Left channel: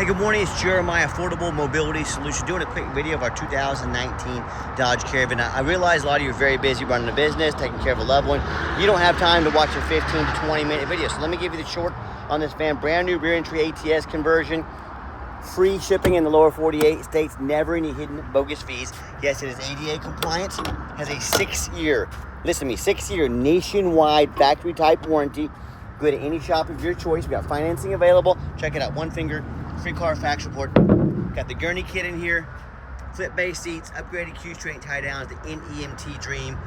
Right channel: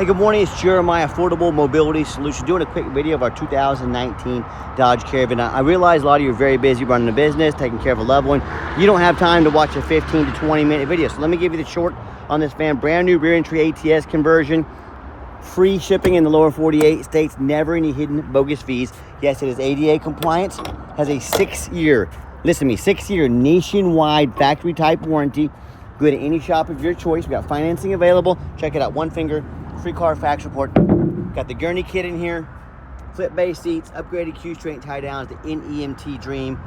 Hey, good morning. It's Jeremiah, Affordable Mobility Solutions, doing a quick video of our 2019 Dodge Caravan. I realize a lot of you are very busy running a business, taking care of a loved one. You don't have time to watch a 15 to 20 minute video. So let me give you the short on this van. Brand new rear entry ATS conversion. Free shipping in the lower 48 states. Never any hidden bogus fees. Yes, it is ADA compliance. Has a 6-year, listen to me, 6-year nationwide factory type warranty. Go to any shop of your choice. We got financing available. Check it out. One finger, free Carfax report. Got the Gurney kit in here. Flip base seats, upgraded Q-straight tie downs, the NEMT Dream,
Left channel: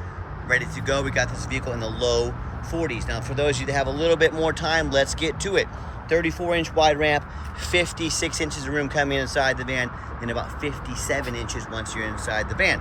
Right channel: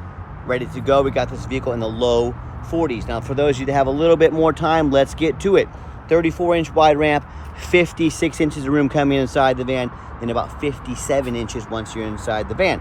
ready to go. We got this vehicle in the low 40s. Now, for those of you that have a little bit more time, let's get to it. 34-inch wide ramp, 56 inches of room coming inside the van, and about 57 inches once you're inside the van.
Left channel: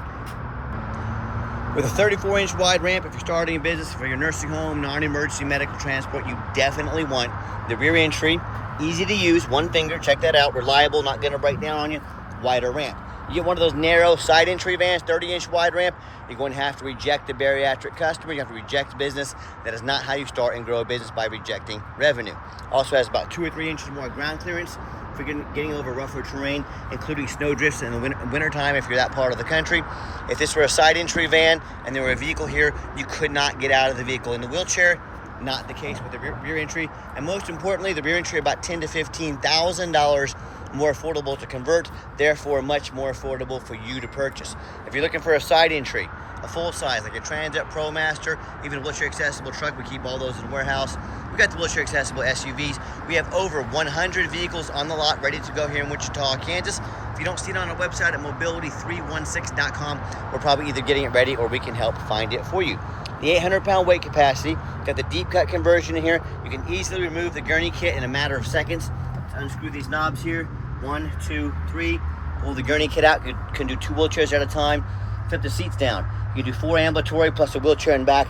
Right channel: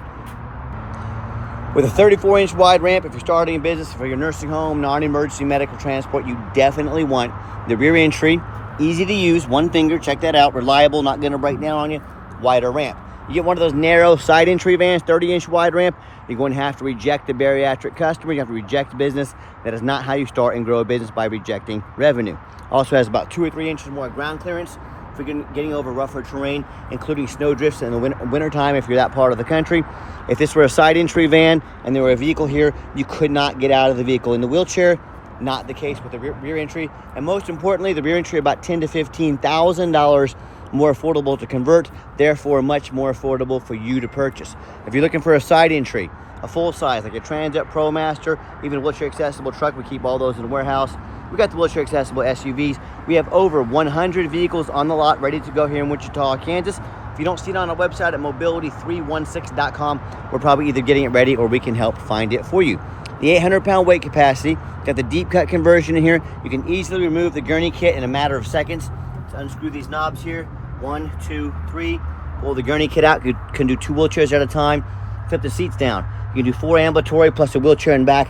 With a 34-inch wide ramp, if you're starting a business for your nursing home, non-emergency medical transport, you definitely want the rear entry. Easy to use, one finger, check that out. Reliable, not gonna break down on you. Wider ramp. You get one of those narrow side entry vans, 30-inch wide ramp, you're going to have to reject the bariatric customer. You have to reject business. That is not how you start and grow a business, by rejecting revenue. Also has about 2 or 3 inches more ground clearance for getting over rougher terrain, including snow drifts in the winter time if you're that part of the country. If this were a side entry van and there were a vehicle here, you could not get out of the vehicle in the wheelchair. Not the case with the rear entry. And most importantly, the rear entry about $10,000 to $15,000 more affordable to convert, therefore much more affordable for you to purchase. If you're looking for a side entry, a full size like a Transit, ProMaster, even a wheelchair accessible truck, we keep all those in the warehouse. We got the wheelchair accessible SUVs. We have over 100 vehicles on the lot ready to go here in Wichita, Kansas. If you don't see it on our website at mobility316.com, we're probably either getting it ready or we can help find it for you. The 800-pound weight capacity, got the deep cut conversion in here. You can easily remove the Gurney kit in a matter of seconds. So unscrew these knobs here. 1, 2, 3. Pull the Gurney kit out. You can do 2 wheelchairs at a time. Flip the seats down. You can do 4 ambulatory plus a wheelchair in back.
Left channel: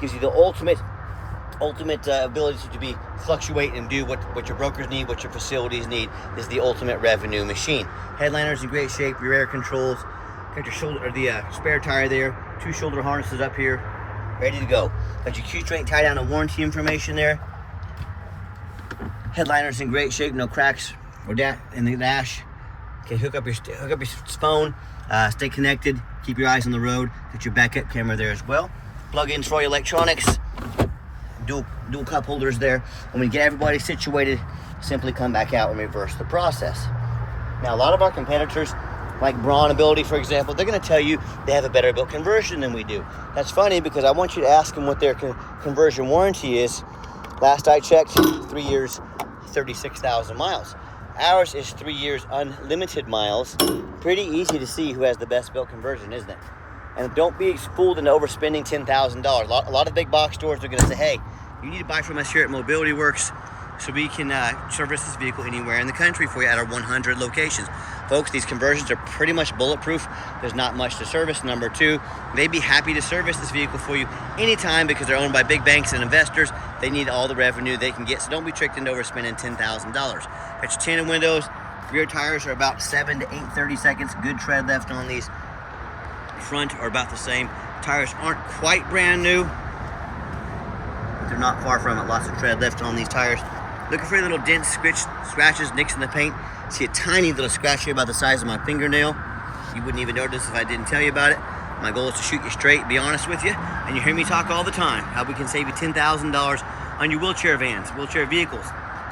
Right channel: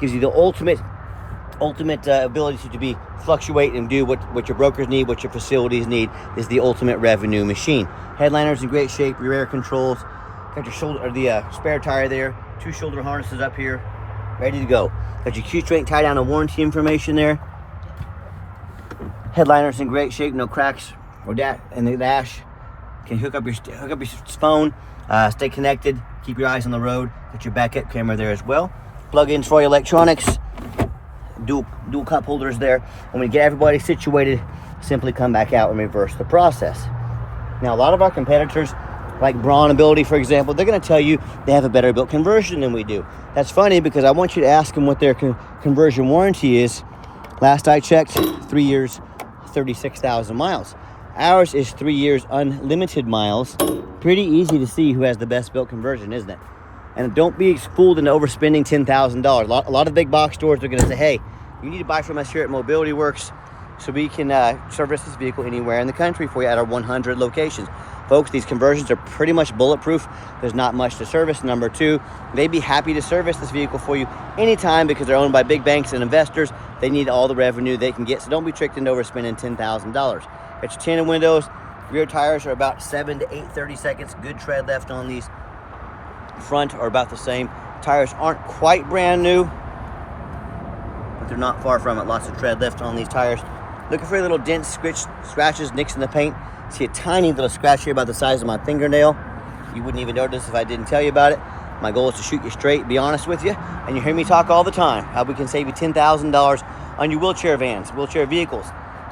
Gives you the ultimate ability to be fluctuate and do what your brokers need, what your facilities need. Is the ultimate revenue machine. Headliner's in great shape. Rear air controls. Got your shoulder, or the spare tire there. 2 shoulder harnesses up here. Ready to go. Got your Q-straight tie down and warranty information there. Headliner's in great shape. No cracks or in the dash. Can hook up your phone. Stay connected. Keep your eyes on the road. Got your backup camera there as well. Plug-ins for your electronics. Dual cup holders there. When we get everybody situated, simply come back out and reverse the process. Now, a lot of our competitors, like Braun Ability, for example, they're going to tell you they have a better built conversion than we do. That's funny because I want you to ask them what their conversion warranty is. Last I checked, 3 years, 36,000 miles. Ours is 3 years, unlimited miles. Pretty easy to see who has the best built conversion, isn't it? And don't be fooled into overspending $10,000. A lot of big box stores are going to say, hey, you need to buy from us here at Mobility Works so we can service this vehicle anywhere in the country for you at our 100 locations. Folks, these conversions are pretty much bulletproof. There's not much to service. Number 2, they'd be happy to service this vehicle for you anytime because they're owned by big banks and investors. They need all the revenue they can get, so don't be tricked into overspending $10,000. Got your tinted windows. Rear tires are about 7 to 8 30-seconds. Good tread left on these. Front are about the same. Tires aren't quite brand new, but they're not far from it. Lots of tread left on these tires. Looking for little dents, scratches, nicks in the paint. See a tiny little scratch here about the size of my fingernail. You wouldn't even notice if I didn't tell you about it. My goal is to shoot you straight, be honest with you, and you hear me talk all the time how we can save you $10,000 on your wheelchair vans, wheelchair vehicles.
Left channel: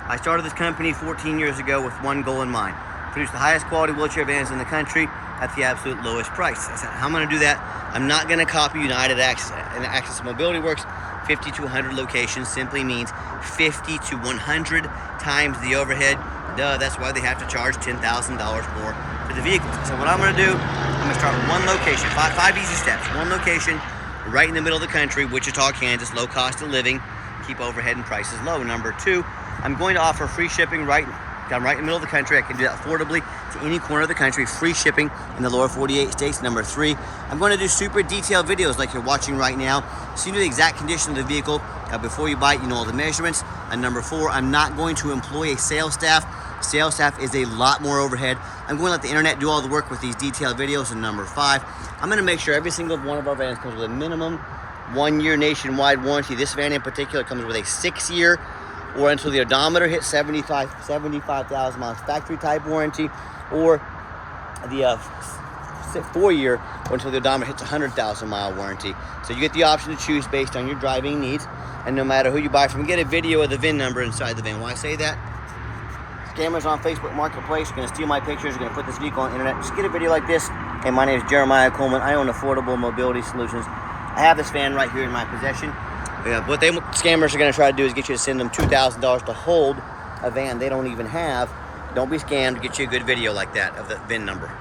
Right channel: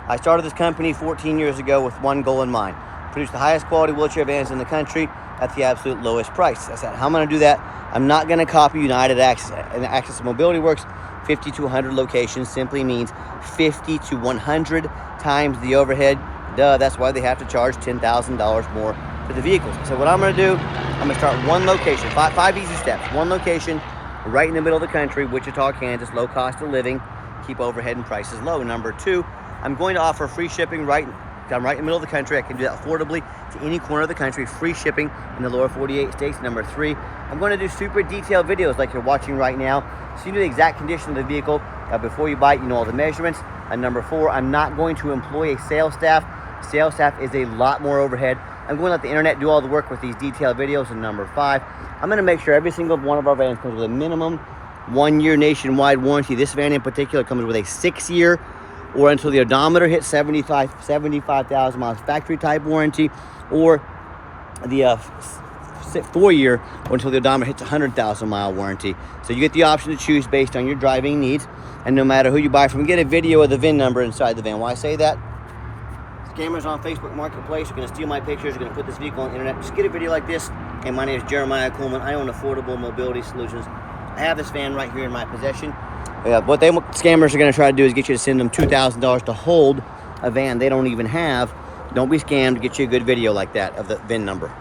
I started this company 14 years ago with one goal in mind: produce the highest quality wheelchair vans in the country at the absolute lowest price. I said, how am I gonna do that? I'm not gonna copy United Access and Access Mobility Works. 50 to 100 locations simply means 50 to 100 times the overhead. Duh, that's why they have to charge $10,000 more for the vehicles. So what I'm gonna do, I'm gonna start one location, five easy steps. One location right in the middle of the country, Wichita, Kansas, low cost of living, keep overhead and prices low. Number 2, I'm going to offer free shipping right in the middle of the country. I can do that affordably to any corner of the country. Free shipping in the lower 48 states. Number 3, I'm going to do super detailed videos like you're watching right now, so you know the exact condition of the vehicle before you buy it. You know all the measurements. And number 4, I'm not going to employ a sales staff. Sales staff is a lot more overhead. I'm going to let the internet do all the work with these detailed videos. And number 5, I'm going to make sure every single one of our vans comes with a minimum 1-year nationwide warranty. This van in particular comes with a 6-year or until the odometer hits 75,000 miles factory type warranty, or the 4-year until the odometer hits 100,000 mile warranty. So you get the option to choose based on your driving needs, and no matter who you buy from, get a video of the VIN number inside the van. Why I say that? Scammers on Facebook Marketplace are going to steal my pictures, are going to put this vehicle on the internet. Just get a video like this. And my name is Jeremiah Coleman. I own Affordable Mobility Solutions. I have this van right here in my possession. What scammers are going to try to do is get you to send them $2,000 to hold a van they don't even have. Don't be scammed. Get you a good video like that of the VIN number.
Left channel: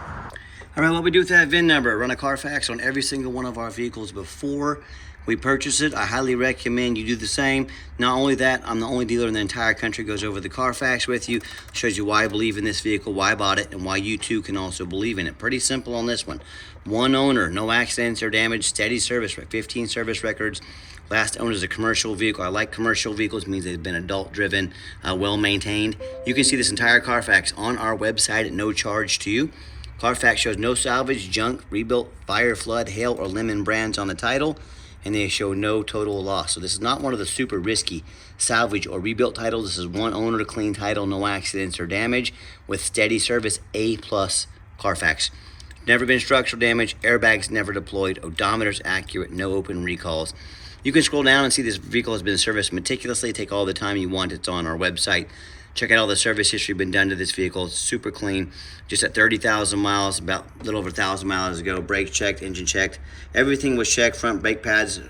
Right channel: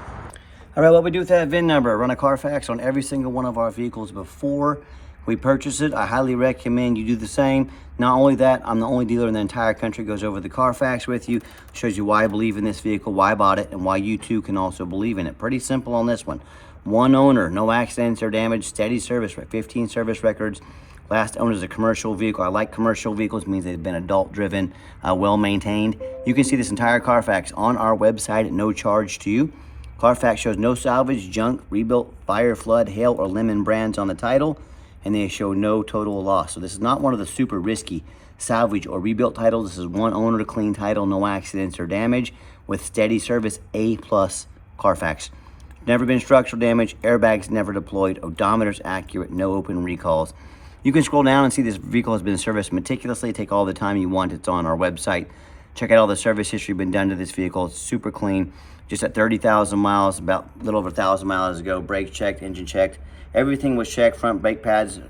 All right, what we do with that VIN number, run a Carfax on every single one of our vehicles before we purchase it. I highly recommend you do the same. Not only that, I'm the only dealer in the entire country goes over the Carfax with you, shows you why I believe in this vehicle, why I bought it, and why you too can also believe in it. Pretty simple on this one. One owner, no accidents or damage, steady service, 15 service records. Last owner is a commercial vehicle. I like commercial vehicles, means they've been adult driven, well maintained. You can see this entire Carfax on our website at no charge to you. Carfax shows no salvage, junk, rebuilt, fire, flood, hail, or lemon brands on the title, and they show no total loss. So this is not one of the super risky salvage or rebuilt titles. This is one owner, clean title, no accidents or damage, with steady service, A+ Carfax. Never been structural damage, airbags never deployed, odometers accurate, no open recalls. You can scroll down and see this vehicle has been serviced meticulously. Take all the time you want. It's on our website. Check out all the service history been done to this vehicle. It's super clean. Just at 30,000 miles, about a little over 1,000 miles ago. Brakes checked, engine checked. Everything was checked. Front brake pads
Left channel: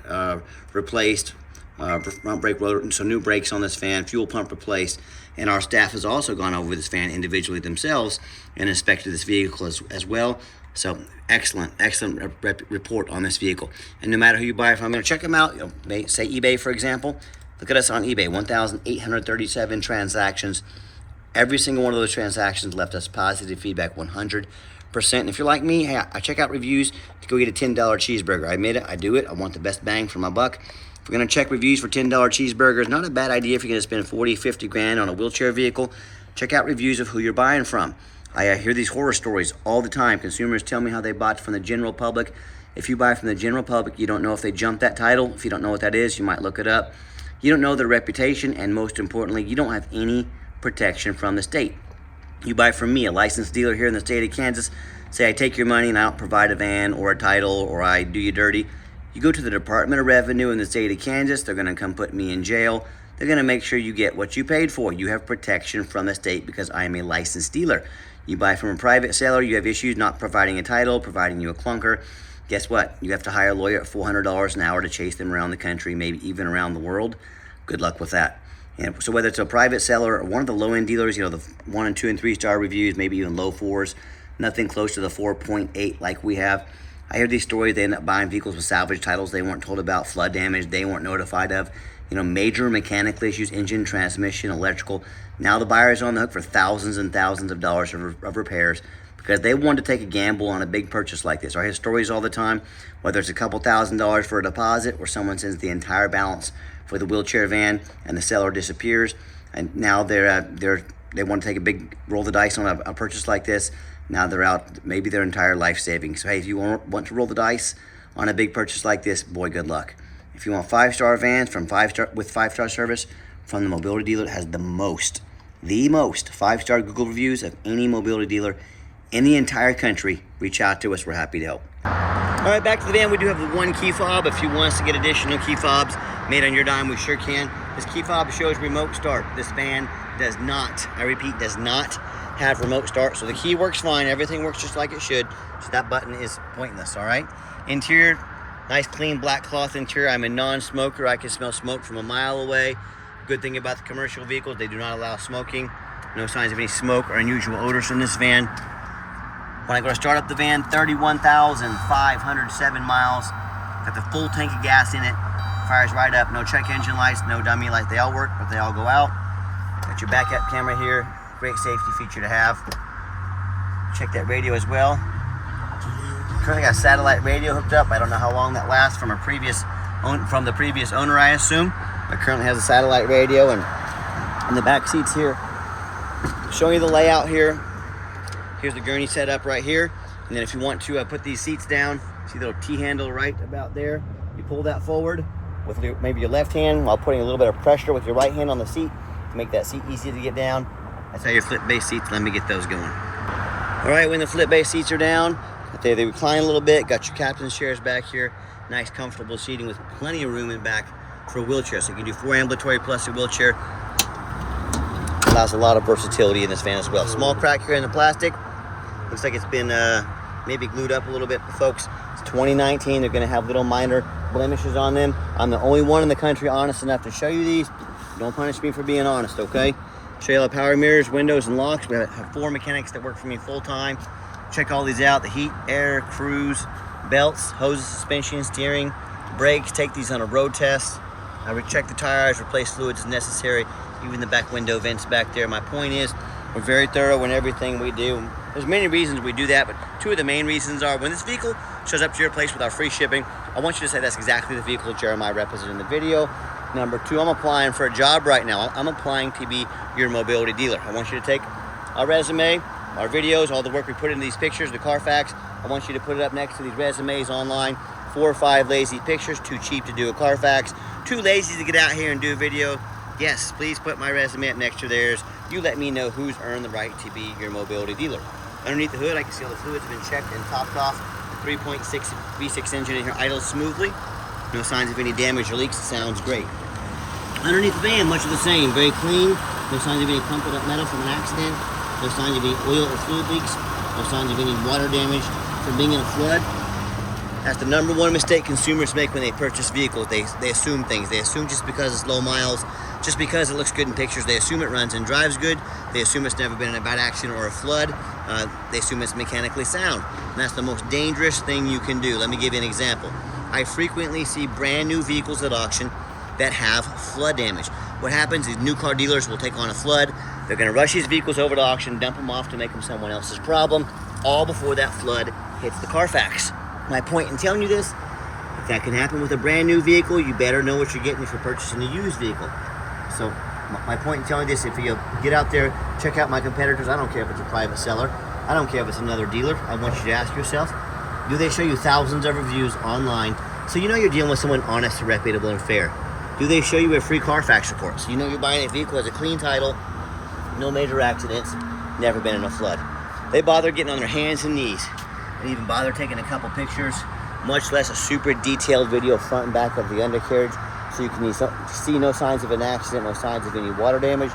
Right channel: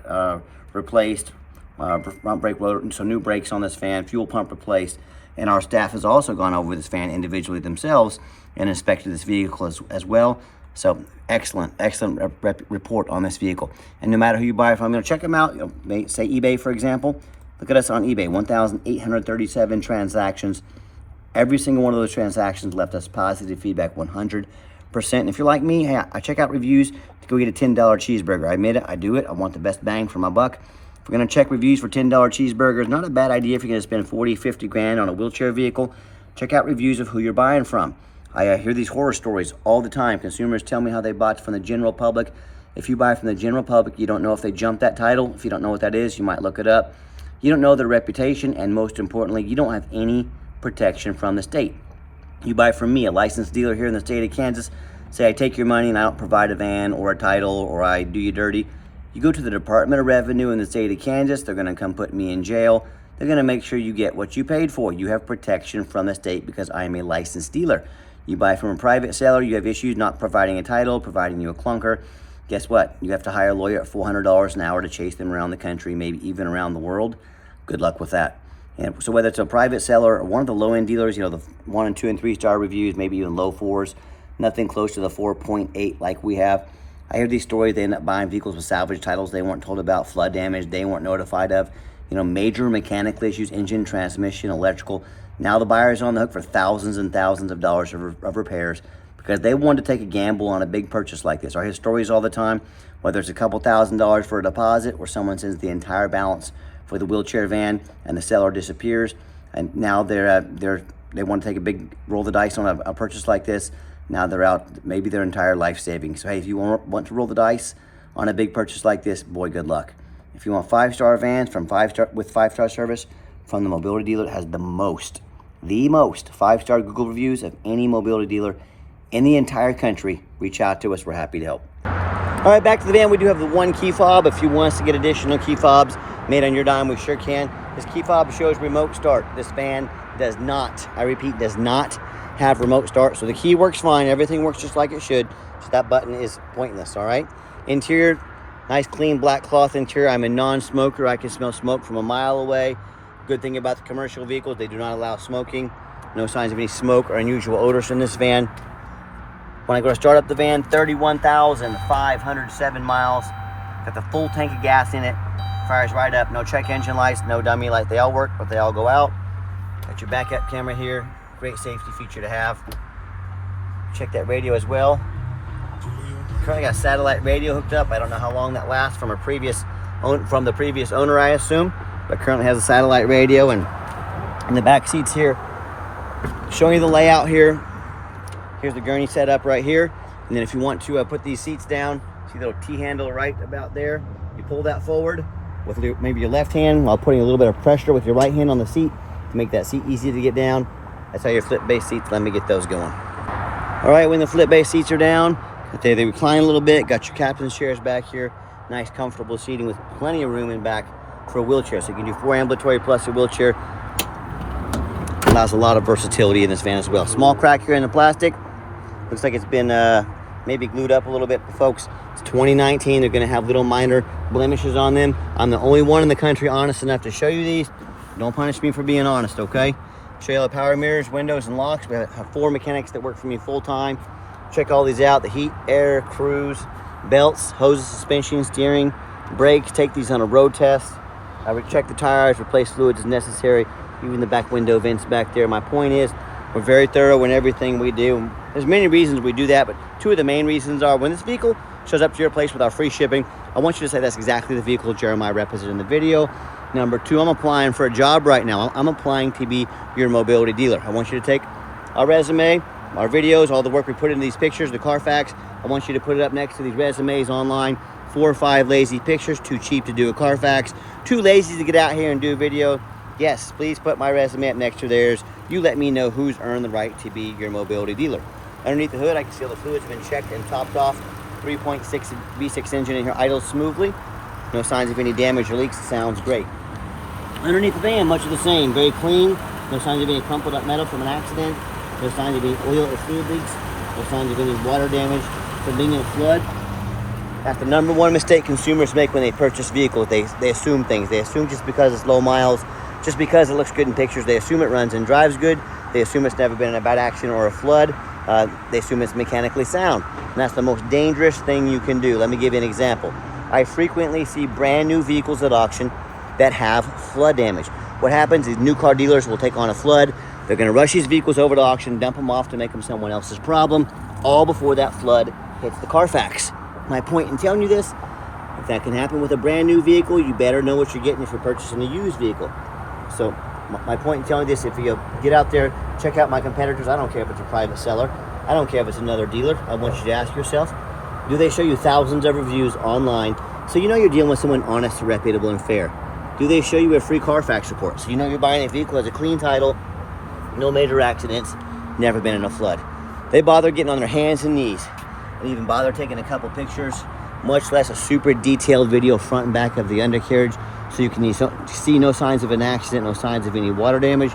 replaced. Front brake rotor, so new brakes on this van. Fuel pump replaced. And our staff has also gone over this van individually themselves and inspected this vehicle as well. So excellent report on this vehicle. And no matter who you buy from, check them out. Say eBay, for example. Look at us on eBay, 1,837 transactions. Every single one of those transactions left us positive feedback, 100%. And if you're like me, hey, I check out reviews to go get a $10 cheeseburger. I admit it, I do it. I want the best bang for my buck. If we're gonna check reviews for $10 cheeseburgers, not a bad idea if you're gonna spend 40, 50 grand on a wheelchair vehicle. Check out reviews of who you're buying from. I hear these horror stories all the time. Consumers tell me how they bought from the general public. If you buy from the general public, you don't know if they jumped that title. If you don't know what that is, you might look it up. You don't know their reputation, and most importantly, you don't have any protection from the state. You buy from me, a licensed dealer here in the state of Kansas. Say I take your money and I don't provide a van or a title, or I do you dirty. You go to the Department of Revenue in the state of Kansas, they're gonna come put me in jail. They're gonna make sure you get what you paid for. You have protection from the state because I am a licensed dealer. You buy from a private seller, you have issues not providing a title, providing you a clunker. Guess what? You have to hire a lawyer at $400 an hour to chase them around the country, maybe even around the world. Good luck with that. And so whether it's a private seller or one of the low-end dealers, the 1 and 2 and 3 star reviews, maybe even low 4s, nothing close to the 4.8 like we have. I hear these stories, they end up buying vehicles with salvage titles they weren't told about, flood damage they weren't notified of, major mechanical issues, engine, transmission, electrical. Now the buyer is on the hook for thousands and thousands of dollars of repairs because they wanted to take a gamble on a big purchase like this. I hear stories all the time, whether it's a couple $1,000s for a deposit or someone sends the entire balance for the wheelchair van and the seller disappears, and now they want to take a big roll the dice on a purchase like this. Now they're out, maybe their entire life savings. So hey, if you want to roll the dice on a big purchase like this, boy, good luck. If you want 5-star vans with 5-star service from the mobility dealer that has the most 5-star Google reviews of any mobility dealer in the entire country, reach out to us. We're happy to help. All right, back to the van. We do have the one key fob. If you want us to get additional key fobs made on your dime, we sure can. This key fob shows remote start. This van does not, I repeat, does not have remote start. So the key works fine. Everything works just like it should. So that button is pointless, all right? Interior, nice clean black cloth interior. I'm a non-smoker. I can smell smoke from a mile away. Good thing about the commercial vehicles, they do not allow smoking. No signs of any smoke or unusual odors in this van. When I go to start up the van, 31,507 miles. Got the full tank of gas in it. Fires right up. No check engine lights, no dummy lights. They all work, but they all go out. Got your backup camera here. Great safety feature to have. Check that radio as well. Currently got a satellite radio hooked up. I don't know how long that lasts from the previous owner, I assume, but currently has a satellite radio. And in the back seats here, showing you the layout here. Here's the gurney setup right here. And then if you want to put these seats down, see the little T-handle right about there. You pull that forward with maybe your left hand while putting a little bit of pressure with your right hand on the seat. to make that seat easy to get down. That's how your flip base seats, let me get those going. All right, when the flip base seats are down, they recline a little bit, got your captain's chairs back here, nice comfortable seating with plenty of room in back for a wheelchair. So you can do 4 ambulatory plus a wheelchair. Allows a lot of versatility in this van as well. Small crack here in the plastic. Looks like it's been maybe glued up a little bit, folks. It's 2019, they're gonna have little minor blemishes on them. I'm the only one in the country honest enough to show you these. Don't punish me for being honest, okay? Show you all the power mirrors, windows, and locks. We have 4 mechanics that work for me full time. Check all these out: the heat, air, cruise, belts, hoses, suspension, steering, brakes. Take these on a road test. I would check the tires, replace fluids as necessary, even the back window vents back there. My point is, we're very thorough in everything we do. There's many reasons we do that, but 2 of the main reasons are when this vehicle shows up to your place with our free shipping, I want you to say that's exactly the vehicle Jeremiah represented in the video. Number 2, I'm applying for a job right now. I'm applying to be your mobility dealer. I want you to take our resume, our videos, all the work we put in these pictures, the Carfax. I want you to put it up next to these resumes online. 4 or 5 lazy pictures, too cheap to do a Carfax, too lazy to get out here and do a video. Yes, please put my resume up next to theirs. You let me know who's earned the right to be your mobility dealer. Underneath the hood, I can see all the fluid's been checked and topped off. 3.6 V6 engine in here, idles smoothly. No signs of any damage or leaks. It sounds great. Underneath the van, much of the same. Very clean. No signs of any crumpled up metal from an accident. No signs of any oil or fluid leaks. No signs of any water damage from being in a flood. That's the #1 mistake consumers make when they purchase vehicles. They assume things. They assume just because it's low miles, just because it looks good in pictures, they assume it runs and drives good. They assume it's never been in a bad accident or a flood. They assume it's mechanically sound. And that's the most dangerous thing you can do. Let me give you an example. I frequently see brand new vehicles at auction that have flood damage. What happens is new car dealers will take on a flood. They're gonna rush these vehicles over to auction, dump them off to make them someone else's problem, all before that flood hits the Carfax. My point in telling you this, if that can happen with a brand new vehicle, you better know what you're getting if you're purchasing a used vehicle. So my point in telling you this, if you get out there, check out my competitors. I don't care if it's a private seller. I don't care if it's another dealer. I want you to ask yourself, do they show you thousands of reviews online so you know you're dealing with someone honest, reputable, and fair? Do they show you a free Carfax report so you know you're buying a vehicle that has a clean title, no major accidents, never been in a flood? They bother getting on their hands and knees and even bother taking a couple pictures, much less a super detailed video front and back of the undercarriage so you can see no signs of an accident, no signs of any water damage.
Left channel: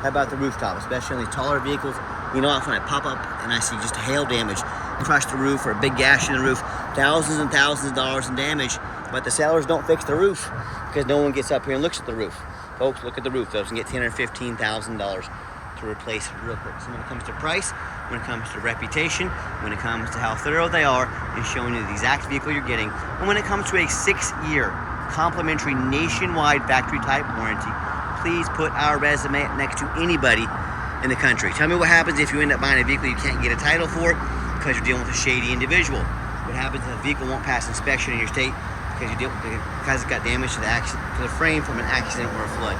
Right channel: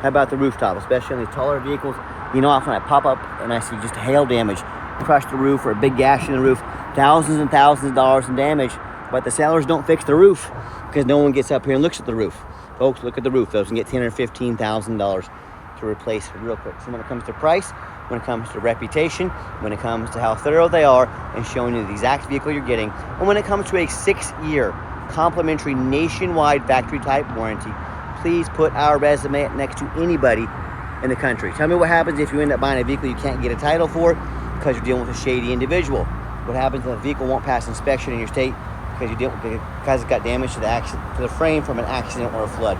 How about the rooftop, especially in these taller vehicles? You know, often I pop up and I see just hail damage, crushed the roof or a big gash in the roof, thousands and thousands of dollars in damage, but the sellers don't fix the roof because no one gets up here and looks at the roof. Folks, look at the roof. Those can get $10,000 or $15,000 to replace real quick. So when it comes to price, when it comes to reputation, when it comes to how thorough they are and showing you the exact vehicle you're getting, and when it comes to a 6-year complimentary nationwide factory type warranty, please put our resume up next to anybody in the country. Tell me what happens if you end up buying a vehicle you can't get a title for because you're dealing with a shady individual. What happens if a vehicle won't pass inspection in your state because it's got damage to the frame from an accident or a flood.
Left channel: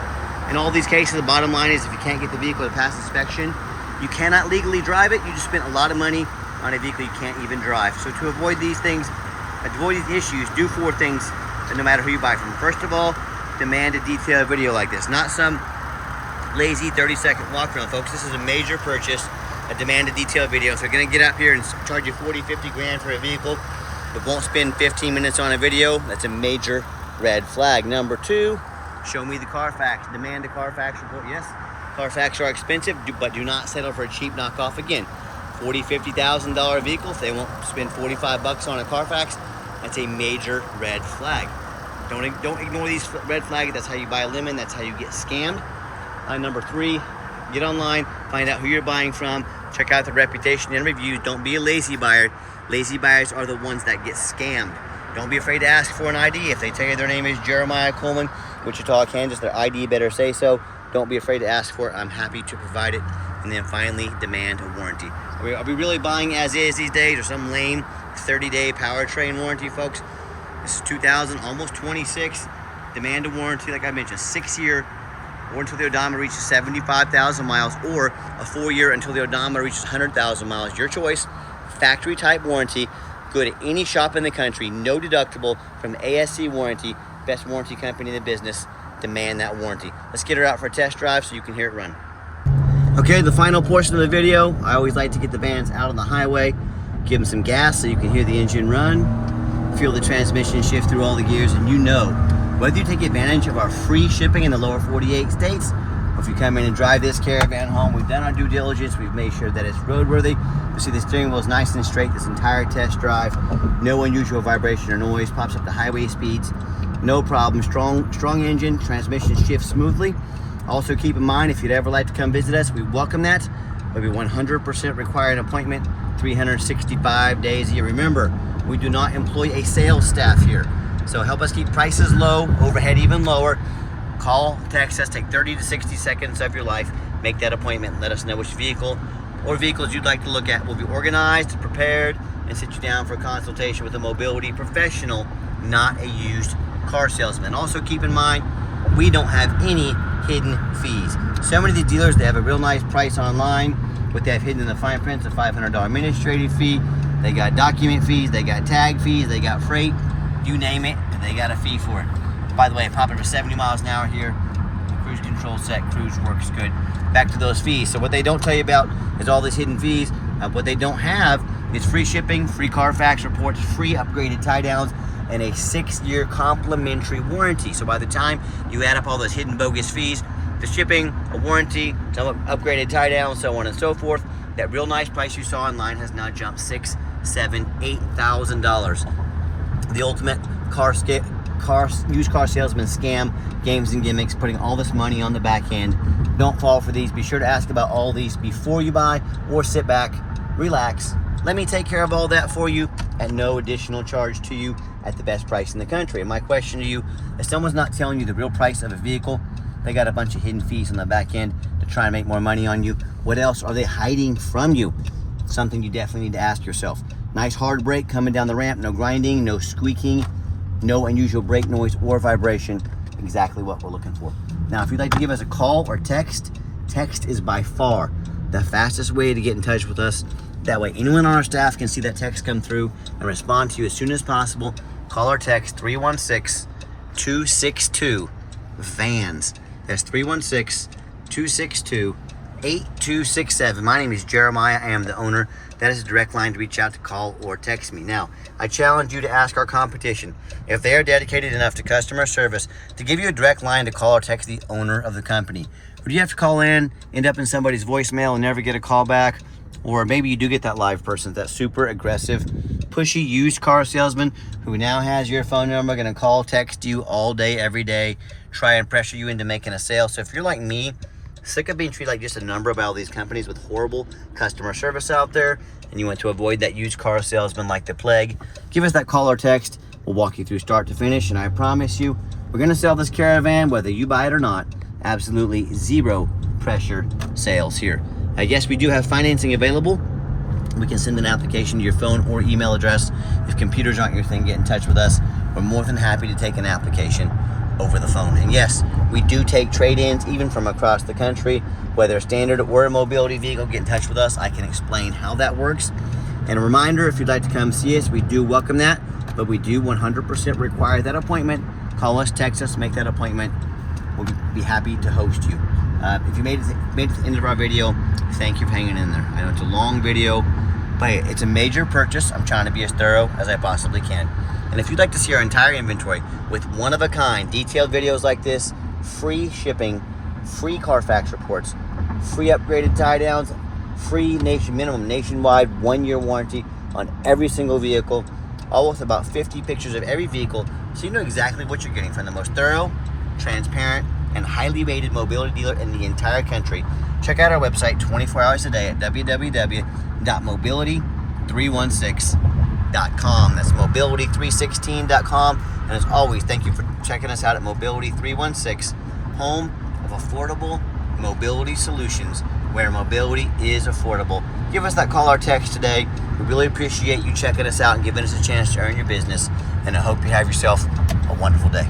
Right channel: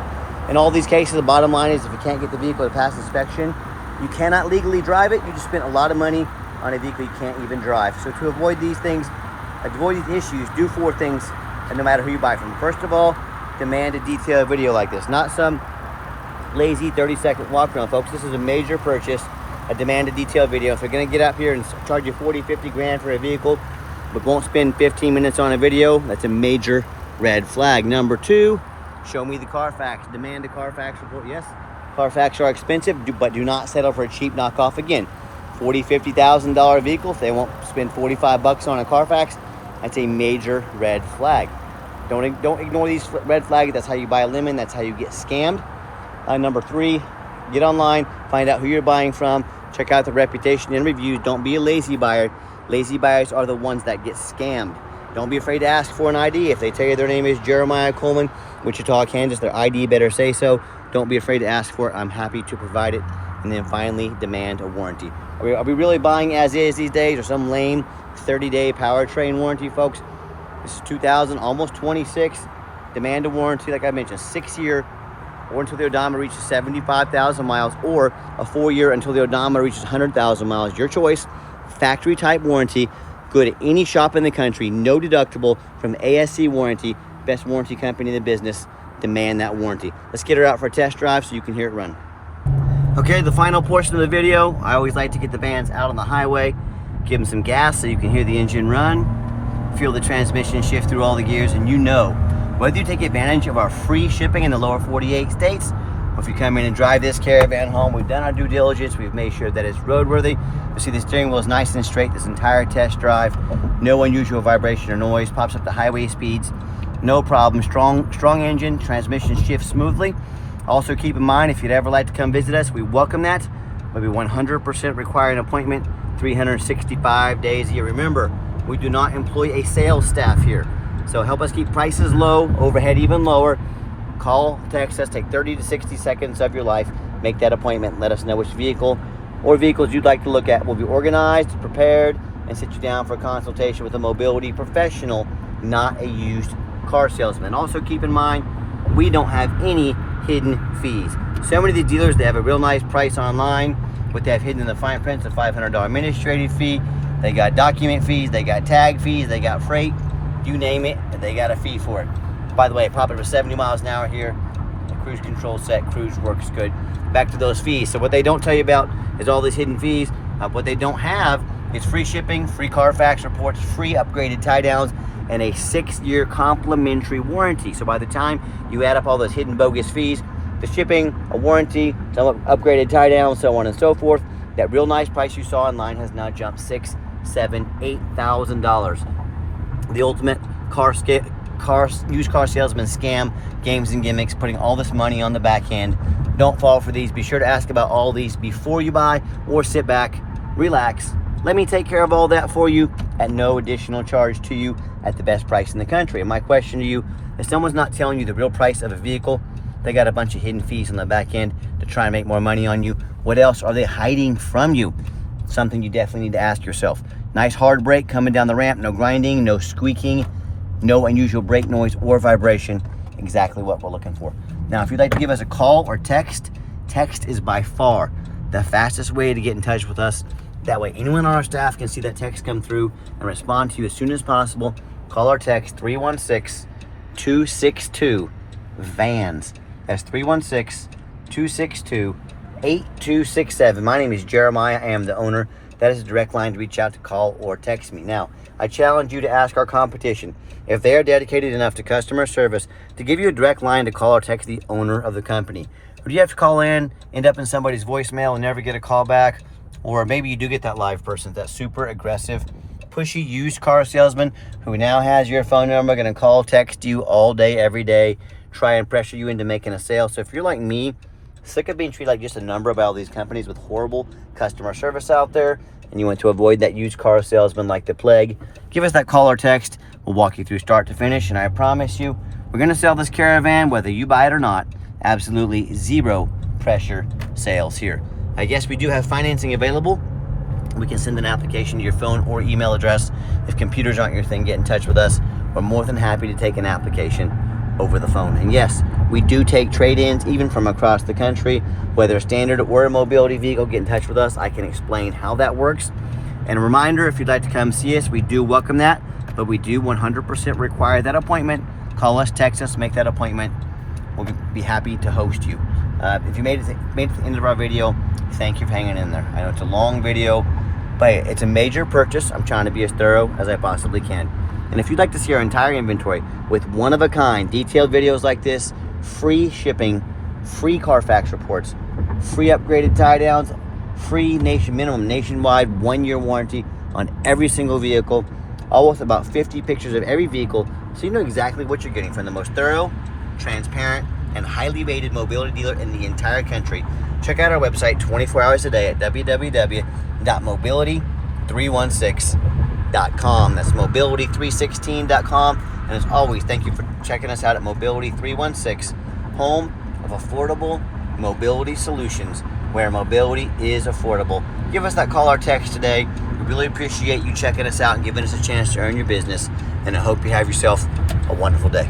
In all these cases, the bottom line is if you can't get the vehicle to pass inspection, you cannot legally drive it. You just spent a lot of money on a vehicle you can't even drive. So to avoid these things, avoid these issues, do 4 things no matter who you buy from. First of all, demand a detailed video like this, not some lazy 30-second walk around, folks. This is a major purchase, a demand a detailed video. If they're gonna get up here and charge you 40, 50 grand for a vehicle, but won't spend 15 minutes on a video, that's a major red flag. Number 2, show me the Carfax. Demand a Carfax report. Yes, Carfax are expensive, but do not settle for a cheap knockoff. Again, $40,000, $50,000 vehicles, they won't spend 45 bucks on a Carfax. That's a major red flag. Don't ignore these red flags. That's how you buy a lemon. That's how you get scammed. Number 3, get online, find out who you're buying from, check out the reputation and reviews. Don't be a lazy buyer. Lazy buyers are the ones that get scammed. Don't be afraid to ask for an ID. If they tell you their name is Jeremiah Coleman, Wichita, Kansas, their ID better say so. Don't be afraid to ask for it. I'm happy to provide it. And then finally, demand a warranty. Are we really buying as is these days, or some lame 30-day powertrain warranty, folks? This is 2000, almost 26. Demand a warranty, like I mentioned, 6-year, or until the odometer reaches 75,000 miles, or a 4-year until the odometer reaches 100,000 miles. Your choice. Factory type warranty. Go to any shop in the country, no deductible, from ASC Warranty, best warranty company in the business. demand that warranty. Let's get her out for a test drive so you can hear it run. Okay, the final portion of the video, I always like to get the vans out on the highway, give them some gas so you can hear the engine run, feel the transmission shift through all the gears, and you know, whether you take advantage of our free shipping in the lower 48 states, or if you come in and drive this Caravan home, we've done our due diligence, we've made sure that it's roadworthy. You see the steering wheel is nice and straight this entire test drive, no unusual vibration or noise, pops up to highway speeds, no problem, strong engine, transmission shifts smoothly. Also keep in mind, if you'd ever like to come visit us, we welcome that. Maybe 100% require an appointment, 365 days a year. Remember, we do not employ a sales staff here. So help us keep prices low, overhead even lower. Call, text us, take 30 to 60 seconds of your life, make that appointment, and let us know which vehicle or vehicles you'd like to look at. We'll be organized, prepared, and sit you down for a consultation with a mobility professional, not a used car salesman. Also keep in mind, we don't have any hidden fees. So many of these dealers, they have a real nice price online, but they have hidden in the fine print a $500 administrative fee. They got document fees, they got tag fees, they got freight, you name it, and they got a fee for it. By the way, pop it for 70 miles an hour here. The cruise control set, cruise works good. Back to those fees. So what they don't tell you about is all these hidden fees. What they don't have is free shipping, free Carfax reports, free upgraded tie downs, and a 6-year complimentary warranty. So by the time you add up all those hidden bogus fees, the shipping, a warranty, some upgraded tie down, so on and so forth, that real nice price you saw online has now jumped $6,000, $7,000, $8,000. The ultimate used car salesman scam, games and gimmicks, putting all this money on the back end. Don't fall for these. Be sure to ask about all these before you buy, or sit back, relax. Let me take care of all that for you at no additional charge to you at the best price in the country. And my question to you, if someone's not telling you the real price of a vehicle, they got a bunch of hidden fees on the back end to try and make more money on you. What else are they hiding from you? Something you definitely need to ask yourself. Nice hard brake coming down the ramp, no grinding, no squeaking, no unusual brake noise or vibration. Exactly what we're looking for. Now, if you'd like to give us a call or text is by far the fastest way to get in touch with us. That way, anyone on our staff can see that text come through and respond to you as soon as possible. Call or text 316-262-VANS. That's 316-262-8267. My name is Jeremiah. I am the owner. That is a direct line to reach out to, call or text me. Now, I challenge you to ask our competition if they are dedicated enough to customer service to give you a direct line to call or text the owner of the company. Or do you have to call in, end up in somebody's voicemail and never get a call back? Or maybe you do get that live person, that super aggressive, pushy used car salesman who now has your phone number, going to call, text you all day, every day, try and pressure you into making a sale. So if you're like me, sick of being treated like just a number by all these companies with horrible customer service out there, and you want to avoid that used car salesman like the plague, give us that call or text. We'll walk you through start to finish, and I promise you, we're going to sell this Caravan whether you buy it or not. Absolutely zero pressure sales here. Yes, we do have financing available. We can send an application to your phone or email address. If computers aren't your thing, get in touch with us. We're more than happy to take an application over the phone. And yes, we do take trade-ins even from across the country, whether standard or a mobility vehicle. Get in touch with us. I can explain how that works. And a reminder, if you'd like to come see us, we do welcome that, but we do 100% require that appointment. Call us, text us, make that appointment. We'll be happy to host you. If you made it to the end of our video, thank you for hanging in there. I know it's a long video, but it's a major purchase. I'm trying to be as thorough as I possibly can. And if you'd like to see our entire inventory with one-of-a-kind detailed videos like this, free shipping, free Carfax reports, free upgraded tie downs, free minimum nationwide 1-year warranty on every single vehicle, all with about 50 pictures of every vehicle, so you know exactly what you're getting from the most thorough, transparent, and highly rated mobility dealer in the entire country. Check out our website 24 hours a day at www.mobility316.com. That's mobility316.com. And as always, thank you for checking us out at Mobility 316, home of affordable mobility solutions, where mobility is affordable. Give us that call or text today. We really appreciate you checking us out and giving us a chance to earn your business. And I hope you have yourself a wonderful day.